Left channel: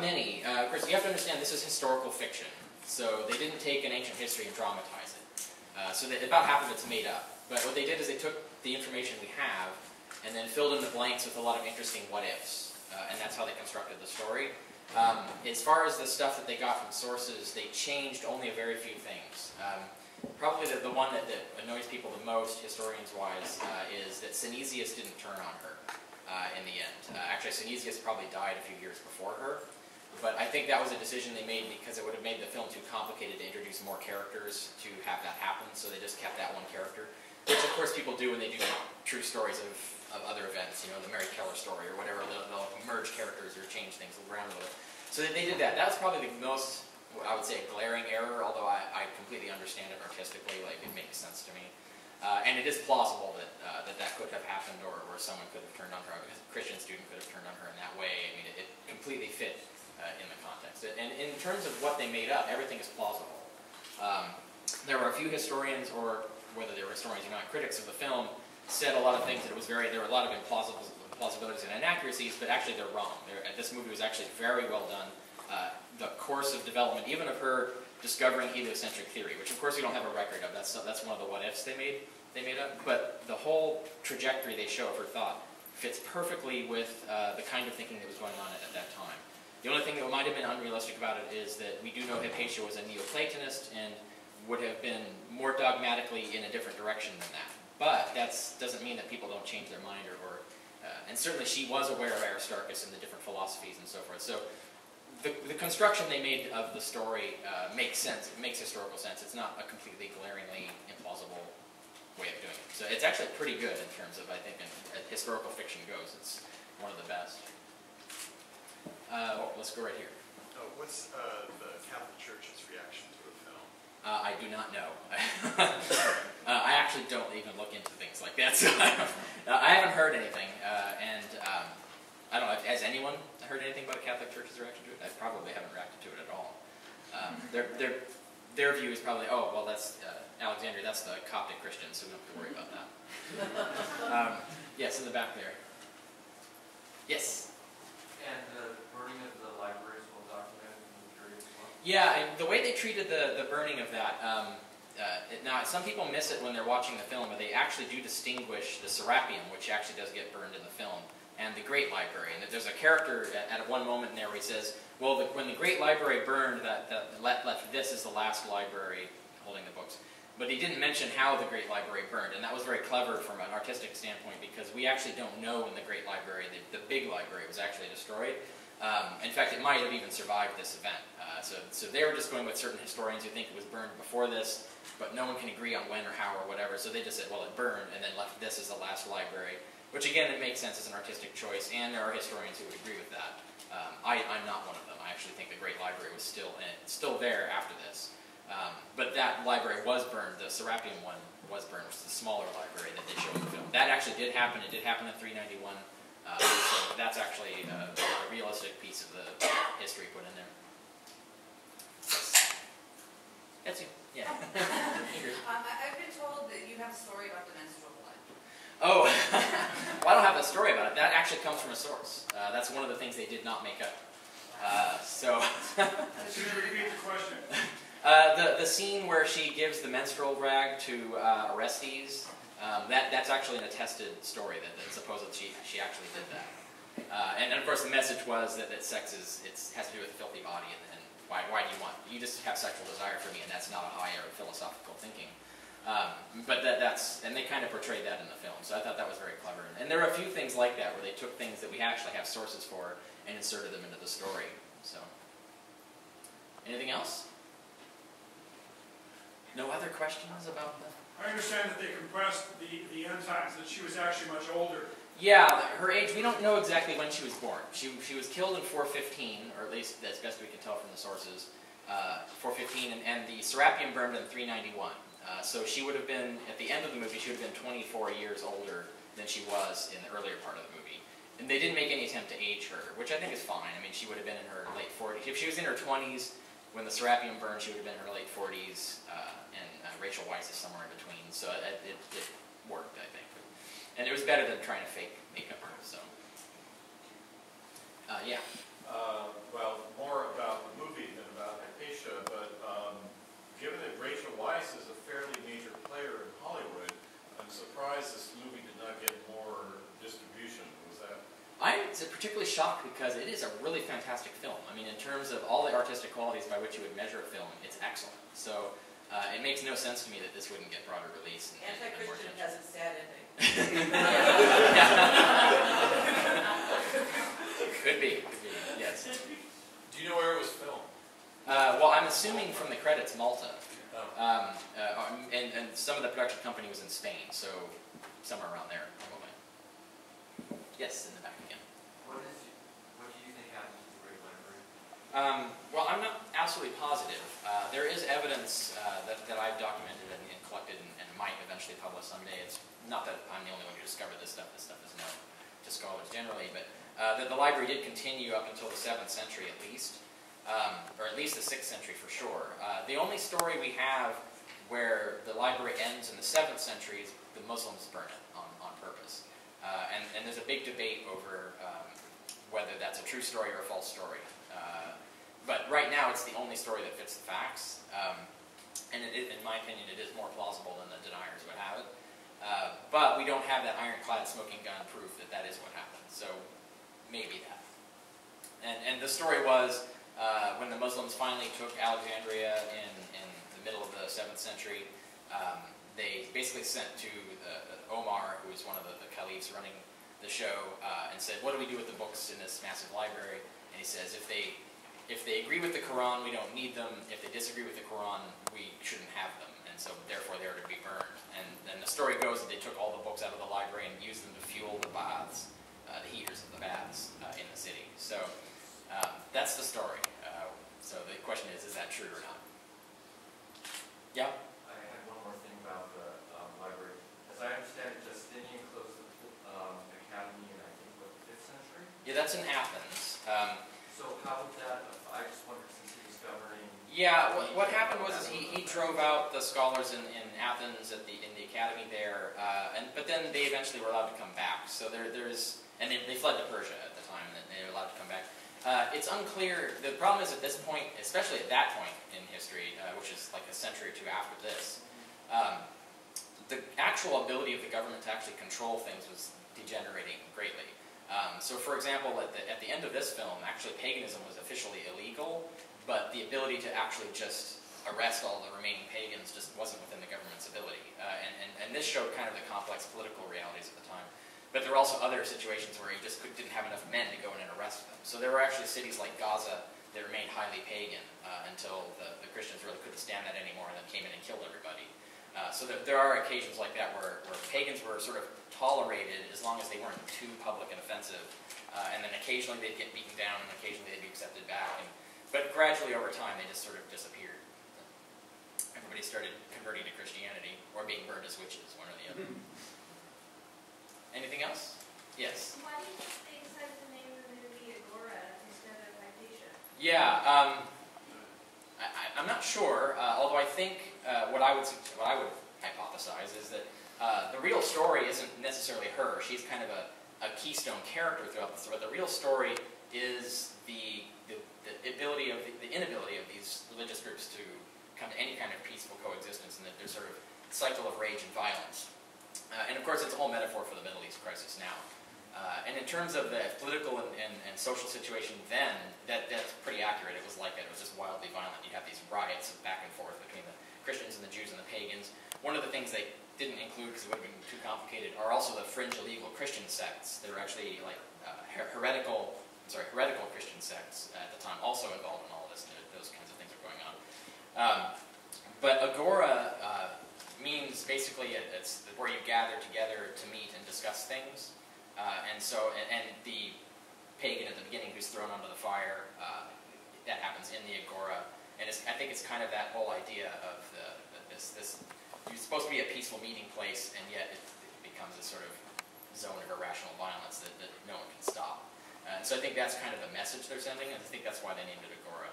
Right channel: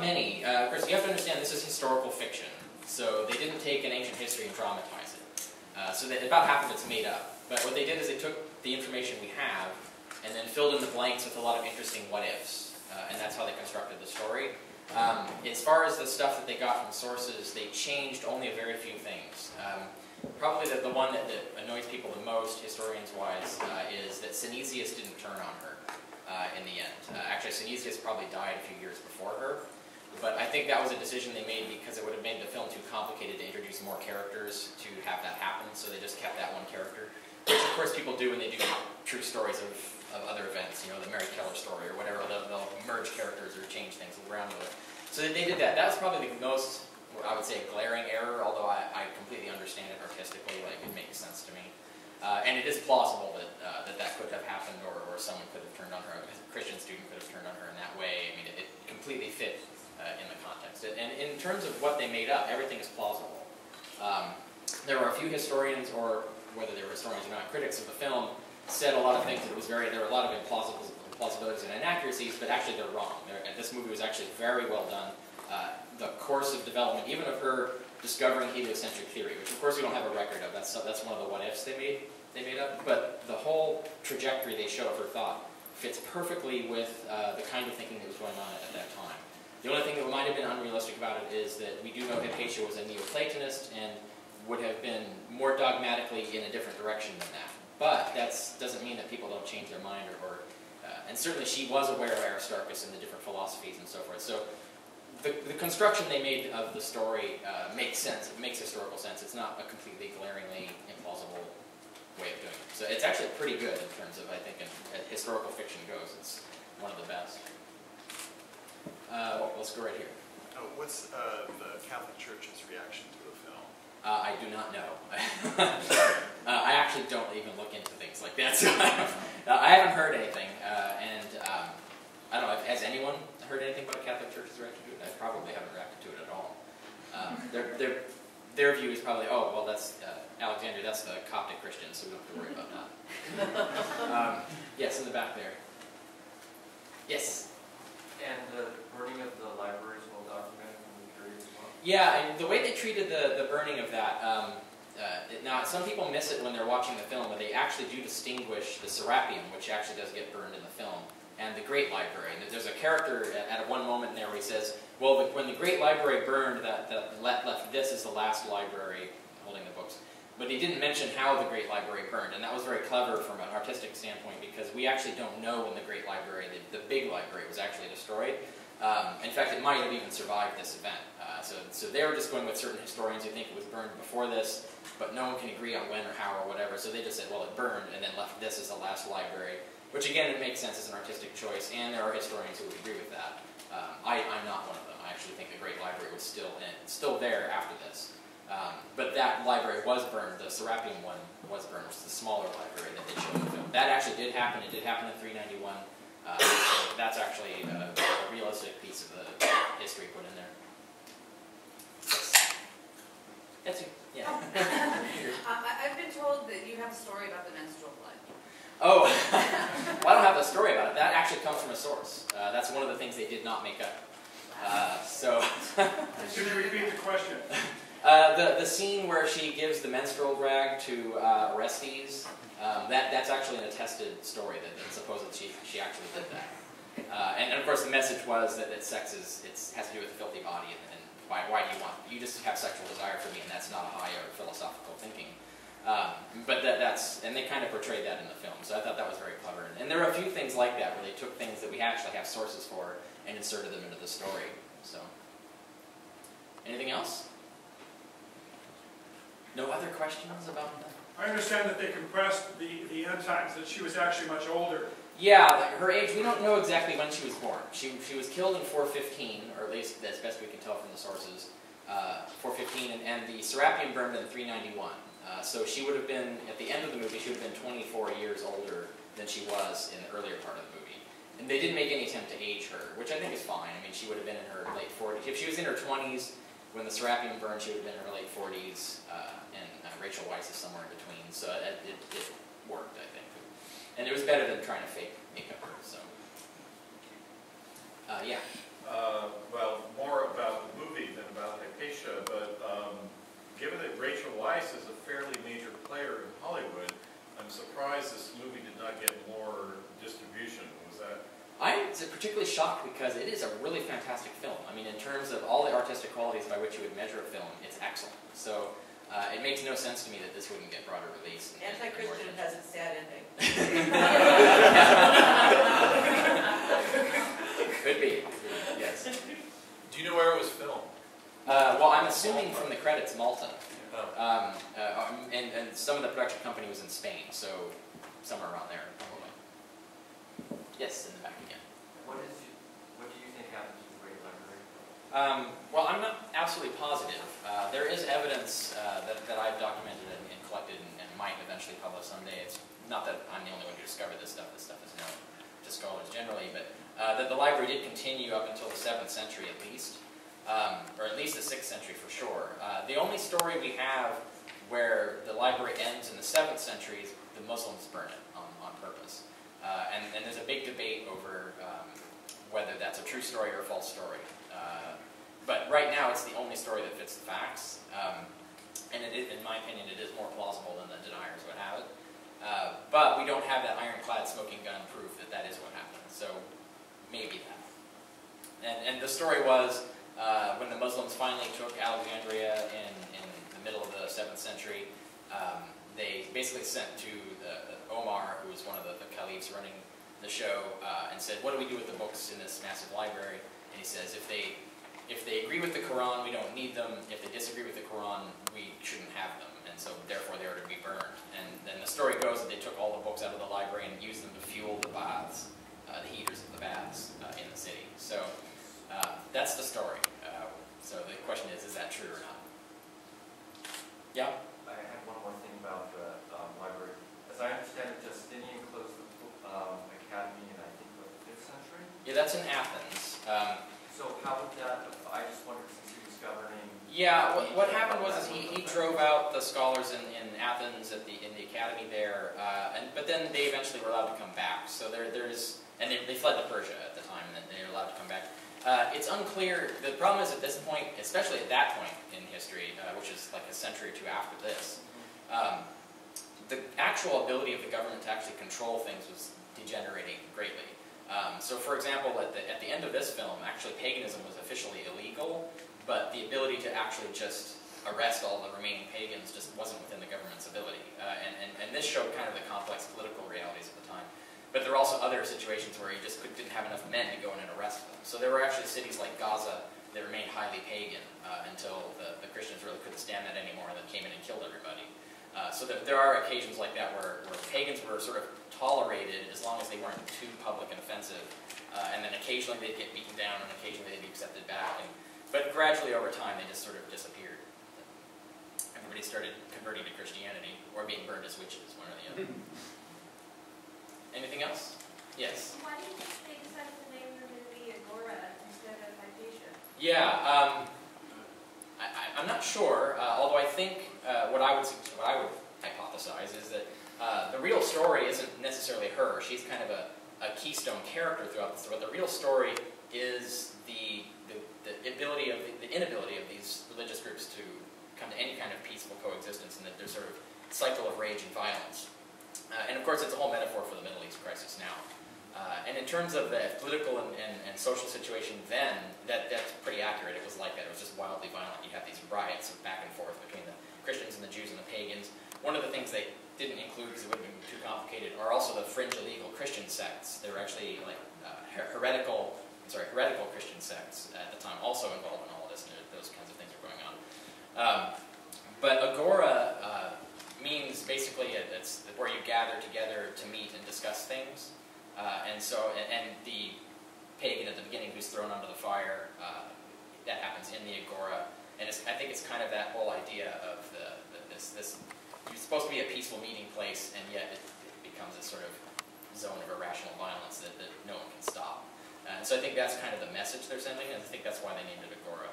not many. Of course, you have to understand this is historical fiction, so they didn't take an ancient history and dramatize it. So that about half of it's made up. But what they did is they took the information we have and then filled in the blanks with a lot of interesting what-ifs, and that's how they constructed the story. As far as the stuff that they got from sources, they changed only a very few things. Probably the one that annoys people the most, historians-wise, is that Synesius didn't turn on her in the end. Actually, Synesius probably died a few years before her, but I think that was a decision they made because it would have made the film too complicated to introduce more characters to have that happen, so they just kept that one character, which of course people do when they do true stories of other events, you know, the Mary Keller story or whatever. They'll merge characters or change things around with it. So they did that. That was probably the most, I would say, glaring error, although I completely understand it artistically, like it makes sense to me. And it is plausible that that could have happened, or someone could have turned on her, a Christian student could have turned on her in that way. I mean, it completely fit in the context. And in terms of what they made up, everything is plausible. There were a few historians, or whether they were historians or not, critics of the film, said a lot of things that there were a lot of implausibilities and inaccuracies, but actually they're wrong. This movie was actually very well done. The course of development, even of her discovering heliocentric theory, which of course we don't have a record of. That's one of the what-ifs they made up. But the whole trajectory they show of her thought fits perfectly with the kind of thinking that was going on at that time. The only thing that might have been unrealistic about it is that we do know Hypatia was a Neoplatonist and would have been more dogmatically in a different direction than that. But that doesn't mean that people don't change their mind, and certainly she was aware of Aristarchus and the different philosophies and so forth. So the construction they made of the story makes sense. It makes historical sense. It's not a completely glaringly implausible way of doing it. So it's actually pretty good in terms of, I think, historical fiction goes. It's one of the best. Let's go right here. What's the Catholic Church's reaction to the film? I do not know. I actually don't even look into things like that, so I haven't heard anything. I don't know, has anyone heard anything about a Catholic Church's reaction to it? I probably haven't reacted to it at all. Their view is probably, oh, well, that's Alexandria, that's the Coptic Christians, so we don't have to worry about that. Yes, in the back there. Yes? And the burning of the library is well documented in the period as well? Yeah, and the way they treated the burning of that, now some people miss it when they're watching the film, but they actually do distinguish the Serapeum, which actually does get burned in the film, and the Great Library. And there's a character at one moment in there where he says, well, when the Great Library burned, this is the last library holding the books. But he didn't mention how the Great Library burned, and that was very clever from an artistic standpoint, because we actually don't know when the Great Library, the big library, was actually destroyed. In fact, it might have even survived this event. So they were just going with certain historians who think it was burned before this, but no one can agree on when or how or whatever, so they just said, well, it burned, and then left this as the last library, which again, it makes sense as an artistic choice, and there are historians who would agree with that. I'm not one of them. I actually think the Great Library was still there after this. But that library was burned. The Serapeum one was burned, which is the smaller library that they show in the film. That actually did happen. It did happen in 391. So that's actually a realistic piece of the history put in there. Yes. That's you. Yeah. I've been told that you have a story about the menstrual blood. Oh, well, I don't have a story about it. That actually comes from a source. That's one of the things they did not make up. Should you repeat the question? The scene where she gives the menstrual rag to Orestes, that's actually an attested story that supposedly she actually did that. And of course the message was that sex has to do with a filthy body, and why do you just have sexual desire for me, and that's not a higher philosophical thinking. But and they kind of portrayed that in the film, so I thought that was very clever. And there are a few things like that where they took things that we actually have sources for and inserted them into the story. So, anything else? No other questions about that? I understand that they compressed the end times, that she was actually much older. Yeah, her age, we don't know exactly when she was born. She was killed in 415, or at least as best we can tell from the sources, 415, and the Serapeum burned in 391. So she would have been, at the end of the movie, she would have been 24 years older than she was in the earlier part of the movie. And they didn't make any attempt to age her, which I think is fine. I mean, she would have been in her late 40s. If she was in her 20s when the Serapeum burned, she would have been in her late 40s, and Rachel Weisz is somewhere in between. So it worked, I think. And it was better than trying to fake makeup her, so. Yeah. Well, surprised this movie did not get more distribution. Was that? I'm particularly shocked because it is a really fantastic film. I mean, in terms of all the artistic qualities by which you would measure a film, it's excellent. So it makes no sense to me that this wouldn't get broader release. Anti-Christian has a sad ending. Could be, yes. Do you know where it was filmed? Well, I'm assuming from the credits, Malta. Oh. And some of the production company was in Spain, so somewhere around there, probably. Yes, in the back again. What do you think happened to the Great Library? Well, I'm not absolutely positive. There is evidence that I've documented and collected and might eventually publish someday. It's not that I'm the only one who discovered this stuff. This stuff is known to scholars generally, but that the library did continue up until the 7th century at least. Or at least the 6th century for sure. The only story we have where the library ends in the 7th century is the Muslims burn it on purpose. And there's a big debate over whether that's a true story or a false story. But right now it's the only story that fits the facts. And in my opinion, it is more plausible than the deniers would have it. But we don't have that ironclad smoking gun proof that that is what happened. So maybe that. And the story was when the Muslims finally took Alexandria in the middle of the 7th century, they basically sent to Omar, who was one of the caliphs running the show, and said, what do we do with the books in this massive library? And he says, if they agree with the Quran, we don't need them. If they disagree with the Quran, we shouldn't have them. And so therefore they are to be burned. And then the story goes that they took all the books out of the library and used them to fuel the baths, the heaters of the baths in the city. So that's the story. So the question is that true or not? Yeah? I had one more thing about the library. As I understand it, Justinian closed the academy in, I think, what, the 5th century? Yeah, that's in Athens. So how would that, I just wondered since he was governing... Yeah, what happened was he drove out the scholars in Athens in the academy there, but then they eventually were allowed to come back. So and they fled to Persia at the time, and then they were allowed to come back. It's unclear. The problem is at this point, especially at that point in history, which is like a century or two after this, the actual ability of the government to actually control things was degenerating greatly. So, for example, at the end of this film, actually paganism was officially illegal, but the ability to actually just arrest all the remaining pagans just wasn't within the government's ability. And this showed kind of the complex political realities at the time. But there were also other situations where you just didn't have enough men to go in and arrest them. So there were actually cities like Gaza that remained highly pagan until the Christians really couldn't stand that anymore and then came in and killed everybody. So there are occasions like that where pagans were sort of tolerated as long as they weren't too public and offensive. And then occasionally they'd get beaten down and occasionally they'd be accepted back. But gradually over time they just sort of disappeared. Everybody started converting to Christianity or being burned as witches, one or the other. Anything else? Yes? Why do you think they decided to name the movie Agora instead of Hypatia? Yeah, I'm not sure, although I think what I would hypothesize is that the real story isn't necessarily her. She's kind of a keystone character throughout the story. The real story is the inability of these religious groups to come to any kind of peaceful coexistence, and that there's sort of cycle of rage and violence. And of course, it's a whole metaphor for the Middle East crisis now. And in terms of the political and social situation then, that's pretty accurate. It was like that. It was just wildly violent. You have these riots of back and forth between the Christians and the Jews and the pagans. One of the things they didn't include because it would have been too complicated are also the fringe illegal Christian sects. They were actually like heretical Christian sects at the time, also involved in all of this, and those kinds of things are going on. But Agora means basically it's where you gather together to meet and discuss things. And the pagan at the beginning who's thrown onto the fire, that happens in the Agora. And I think it's kind of that whole idea of this you're supposed to be a peaceful meeting place, and yet it becomes a sort of zone of irrational violence that no one can stop. And so I think that's kind of the message they're sending, and I think that's why they named it Agora.